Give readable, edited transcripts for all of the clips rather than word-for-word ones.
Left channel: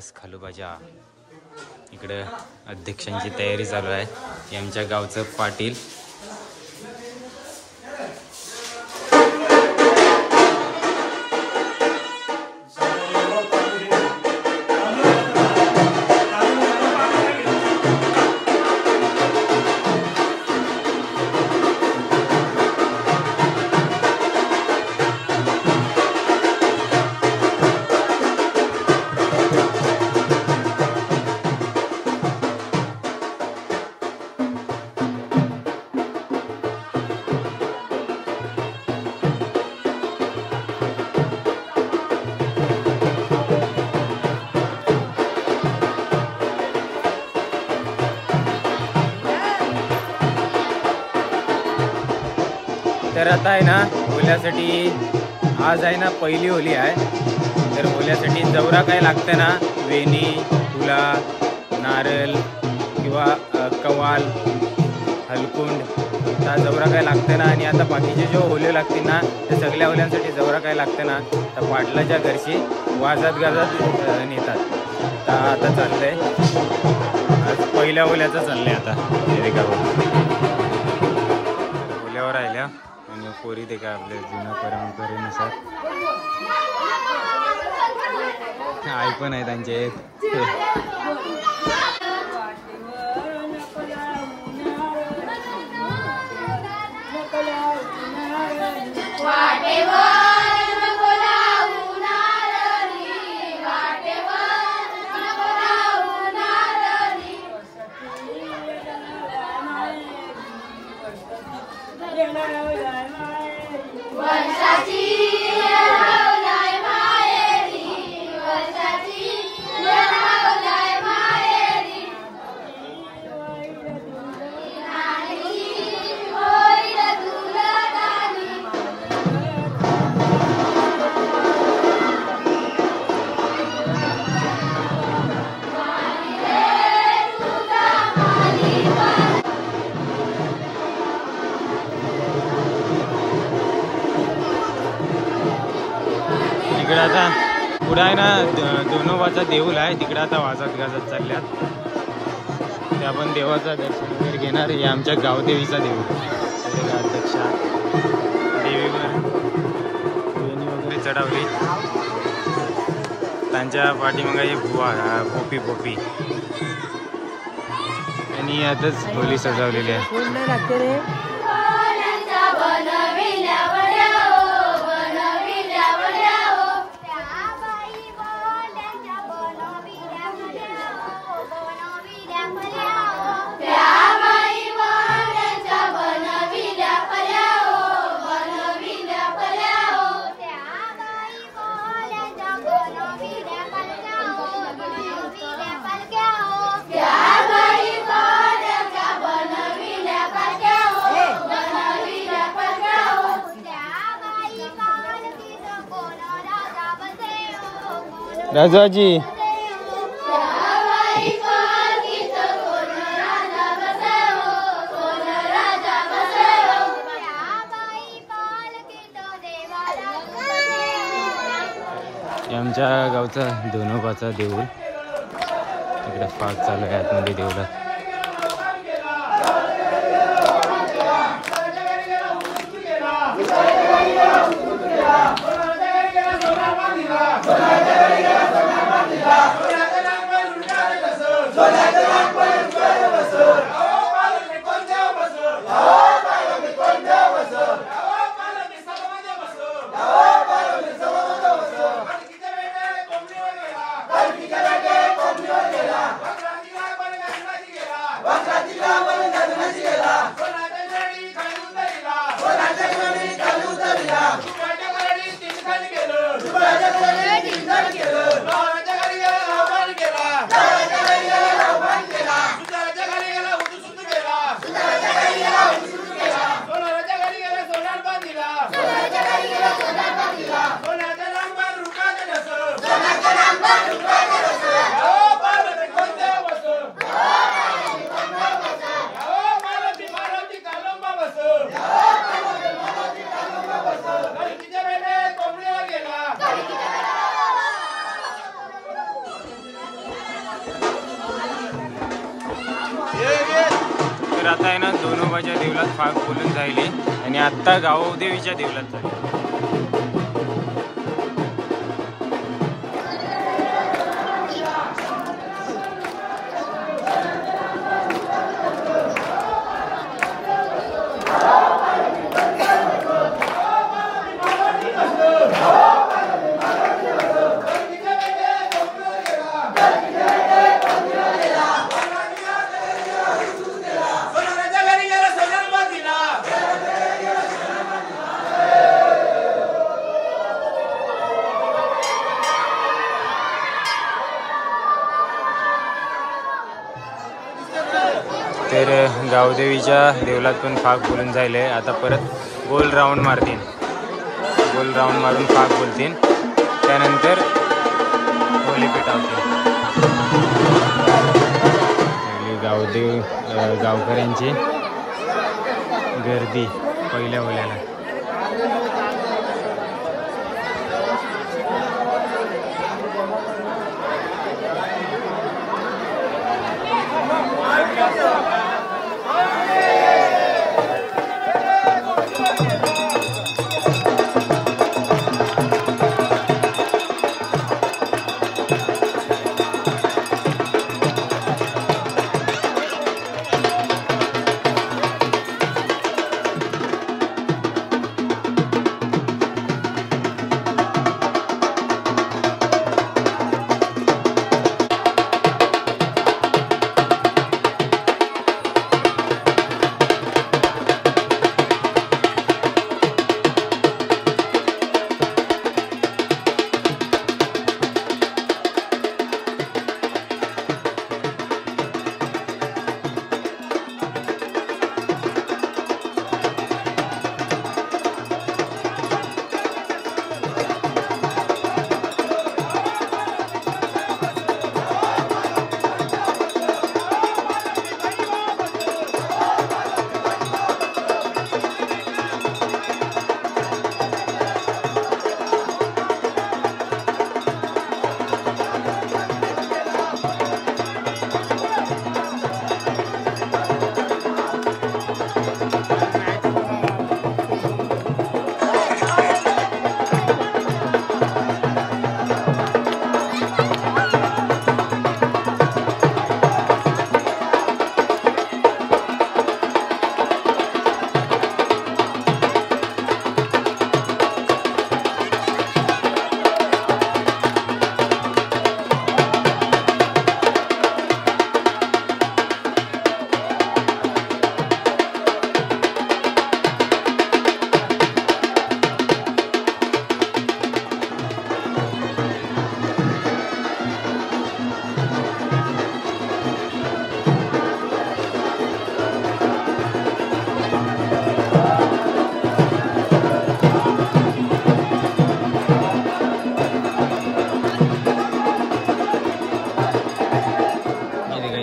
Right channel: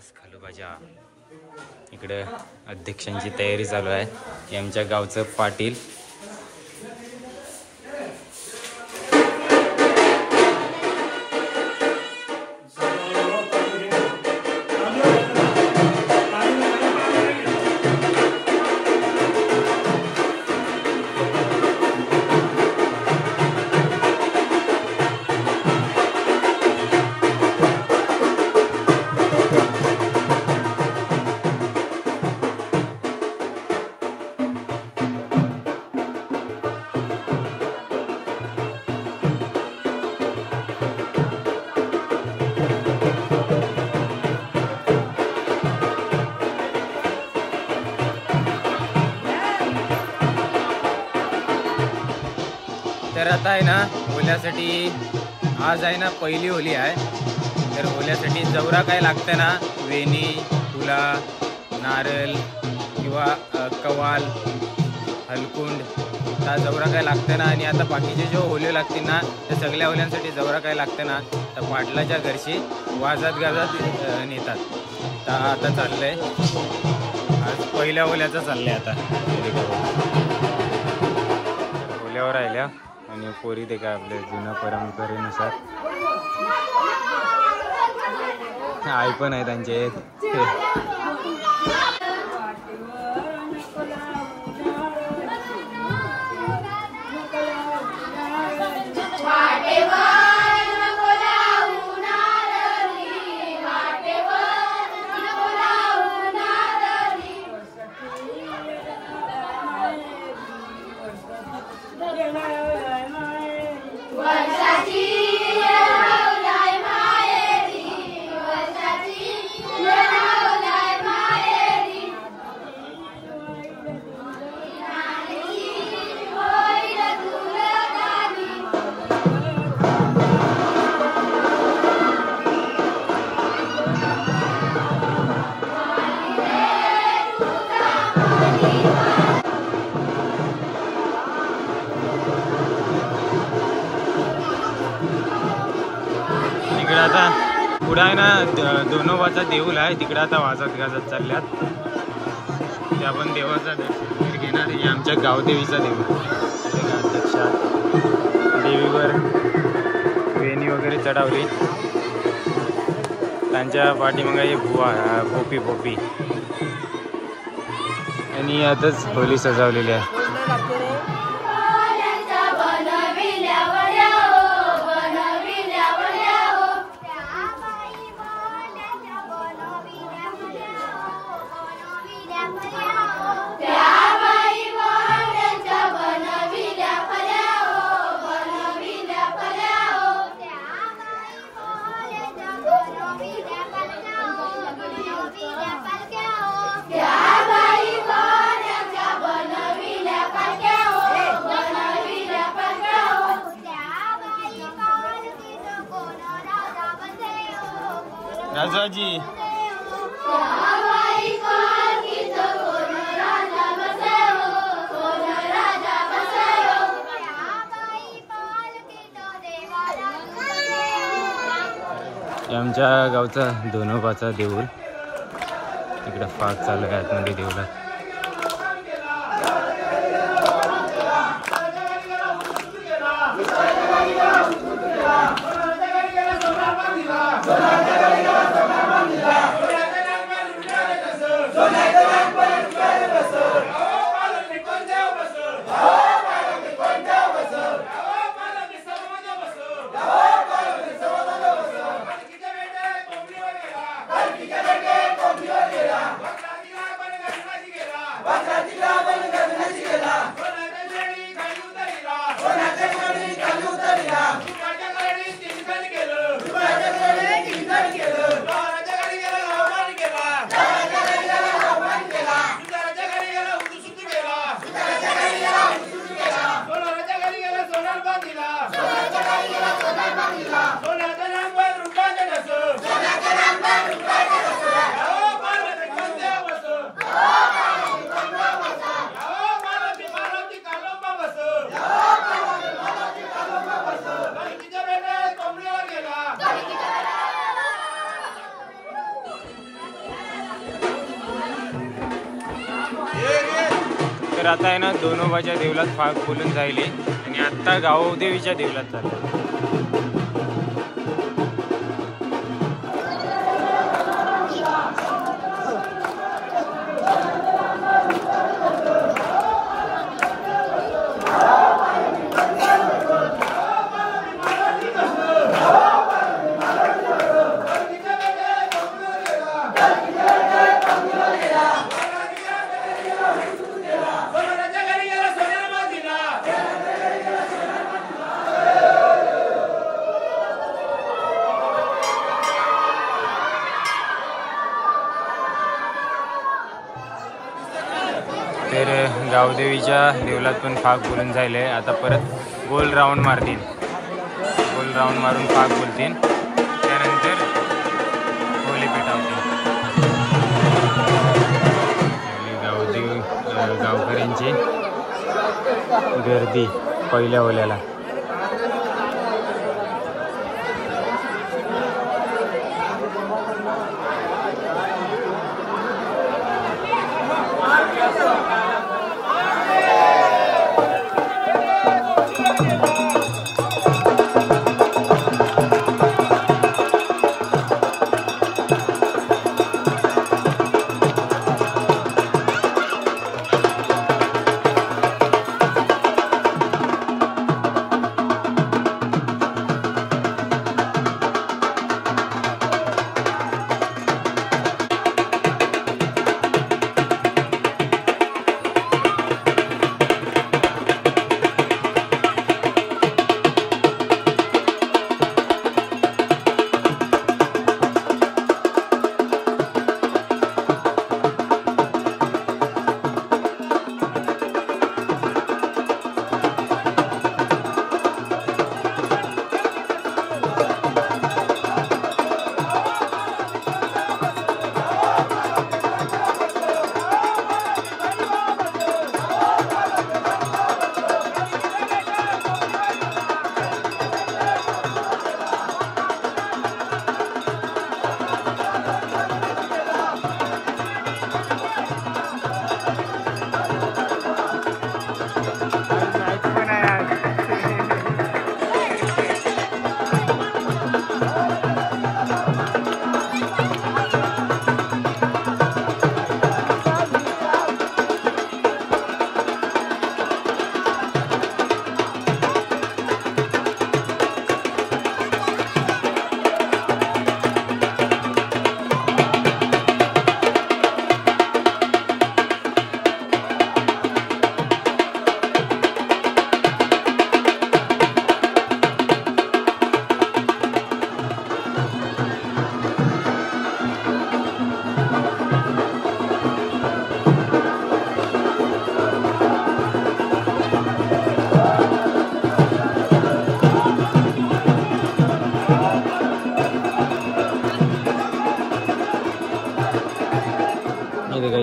इतिहास खालोबाजा. इकडे अध्यक्षांची तयारी चालू आहे. आमच्या गावचं पाटील. तर आता आहे ना होल्यासाठी आज आहे ना पहिली होली आहे. तर होल्यासाठी जवरा काय लागतं ना, वेणी, फुला, नारळ किंवा कवाल, हलकुंड, त्या जवरा काय लागतं ना. आणि आता बाकीचे जो होले लागतील ना, त्या सगळ्या होल्यांसाठी जवरा काय लागतं ना, तर पाटलाच्या घरशी वाजत गाजत नेतात. तर आता चाललंय, आज पहिल्या होल्याचं चाललंय. आता होल्यावर राहिल्या आणि पोरी ते काय आपल्या जुन्या परंपरेनुसार आई पण आहे त्यांचे. तिकडे आता पुढे आहे ना दोनोबाचा देऊळ आहे. तिकडे आता वाजत गाजत चालल्यात. ते आपण देवाचा दर्शन घेणार. हे आमच्या गावदेवीचा देऊळ. अध्यक्षा देवीवर वेणी वगैरे चढवली. त्यांच्या पाठीमागे हे भोपी आणि आताच होली सजवलेली आहे. राजाजी आमच्या गावचा दोनोबाचा देऊळ. तिकडे फाग चालू आहे आतमध्ये देऊळात. तर आता आहे ना दोनोबाच्या देवलात फाग बोलून जायली आणि आत्ता गावदेवीच्या देवलात चालले. तर गावदेवीच्या देवलात पण फाग बोलून जायले. आता परत गोल राऊंड मारतील, गोल राऊंड मारून फाग बोलतील, त्यानंतर होली पेटवतील. आणि गावदेव गावकऱ्यांची गर्दी पहिल्या होल्याला.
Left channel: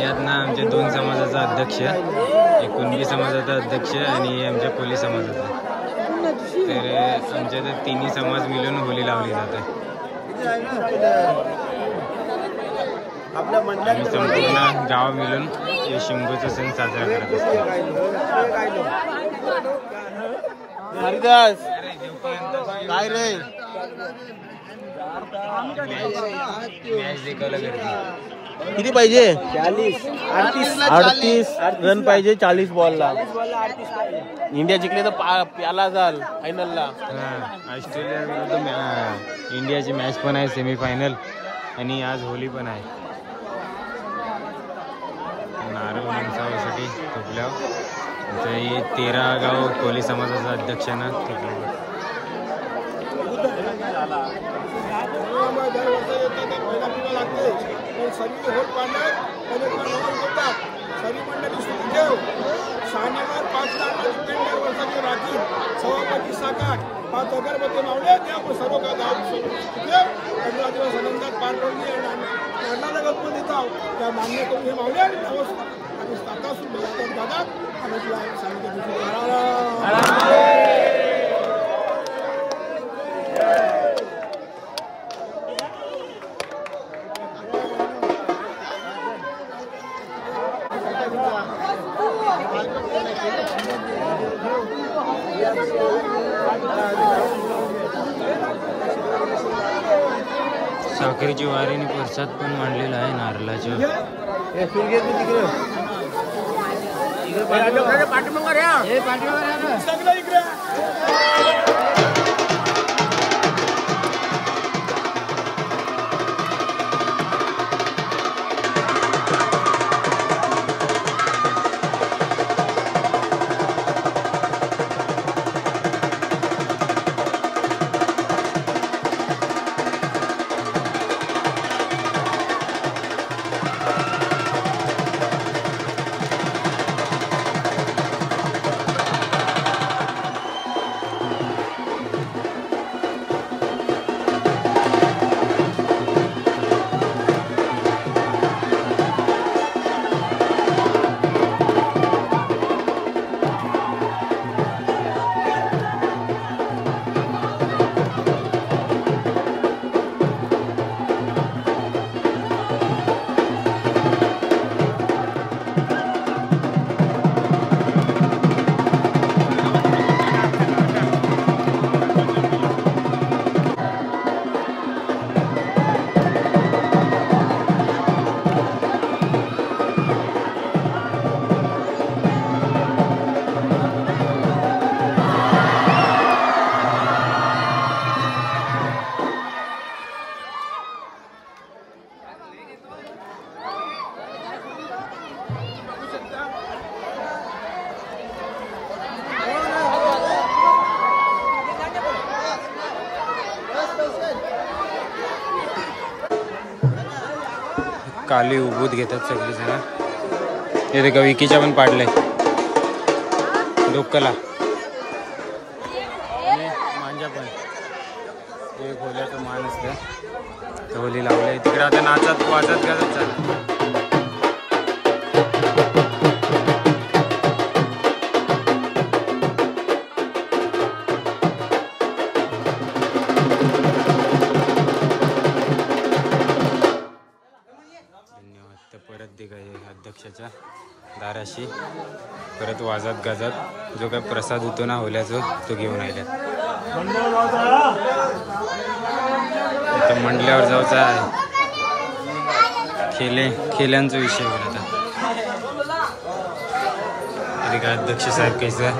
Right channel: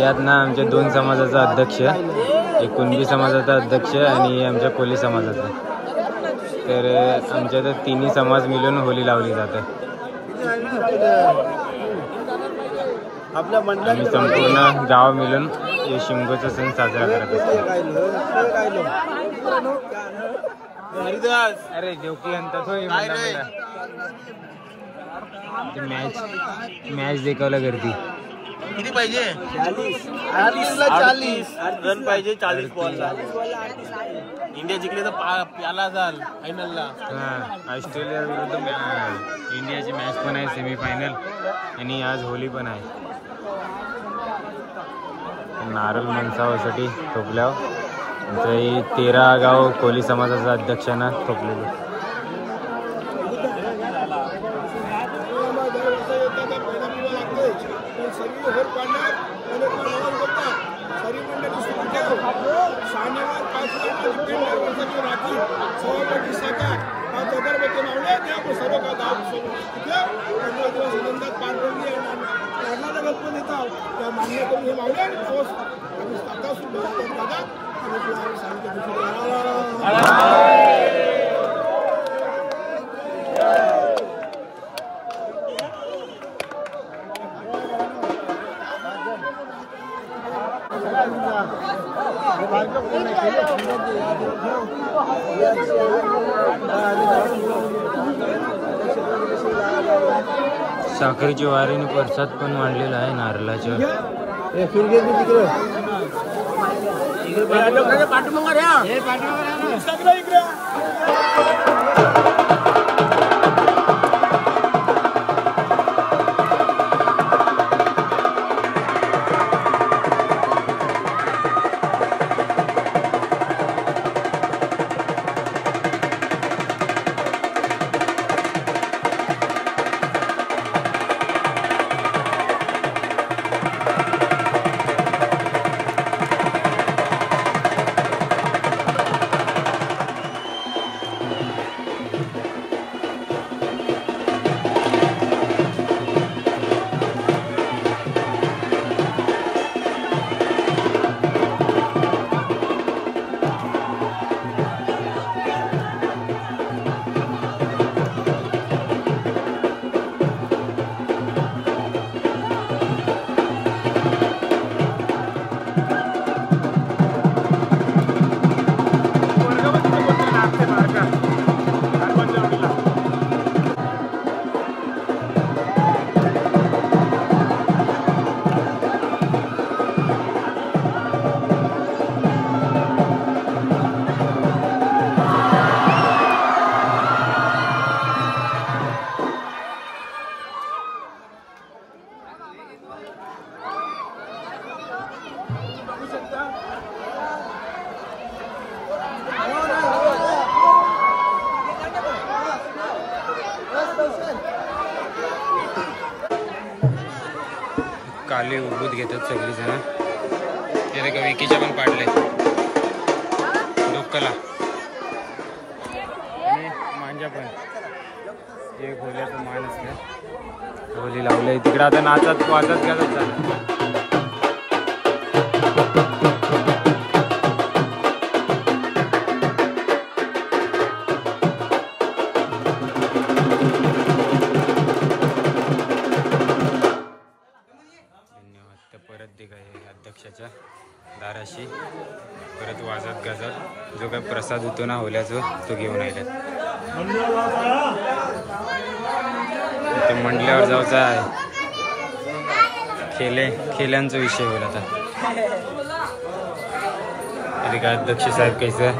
यात ना आमच्या दोन समाजाचा अध्यक्ष, एक कुणबी समाजाचा अध्यक्ष आणि आमच्या कोली समाजाचा. तर आमच्या तर तिन्ही समाज मिळून होली लावली जाते. आम्ही संपूर्ण गाव मिळून हे शिमगोचा सण साजरा करत असतो. मॅच देखावला गर्दी किती पाहिजे? 40 रन पाहिजे 40 बॉलला. इंडिया जिंकले तर प्याला जाल फायनलला. ऑस्ट्रेलिया विरुद्ध इंडियाची मॅच पण आहे, सेमीफायनल, आणि आज होली पण आहे. नारळ मनसावासाठी थोपल्यावर आमच्या 13 गाव कोली समाजाचा अध्यक्षांना थोपलेलं. शनिवार 5 लाख वर्षाची राखी सभापती साकार 5 अगरबत्ती मावले त्या सर्व गाव दिवस आनंदात पार पडली. लग्नाचा गणपती येतो त्या मान्य करून हे मावले आणि आम्ही स्थापना सुरू भागात आम्ही तुला सांगितलं. साखरेची वारीने प्रसाद पण मांडलेला आहे नारळाच्या. सगळं इकडे काली उभूत घेतात सगळी जण. हे देखा विकीच्या पण पाडले डोक्याला मांजा पण एक होल्याचं मान असलं होली लावलंय तिकडे. आता नाचत वाजत गाजत झालं. परत दे काय अध्यक्षाच्या दाराशी परत वाजत गाजत जो काय प्रसाद होतो ना होल्याचं तो घेऊन आले. मंडल्यावर जायचं आहे. खेल्यांचा विषय होईल आता. का अध्यक्ष साहेब कैसं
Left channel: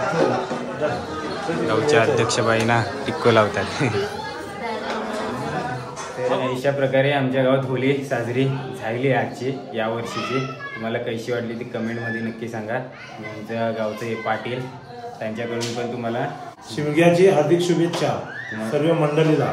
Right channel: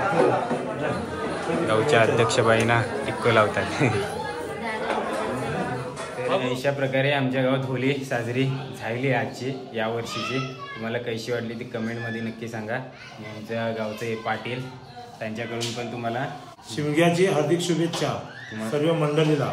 गावच्या अध्यक्षबाईंना टिक्को लावतात. तर अशा प्रकारे आमच्या गावात होली साजरी झाली आजची या वर्षीची. तुम्हाला कशी वाटली ती कमेंटमध्ये नक्की सांगा. आमच्या गावचे हे पाटील त्यांच्याकडून पण तुम्हाला शिमग्याची हार्दिक शुभेच्छा सर्व मंडळीला.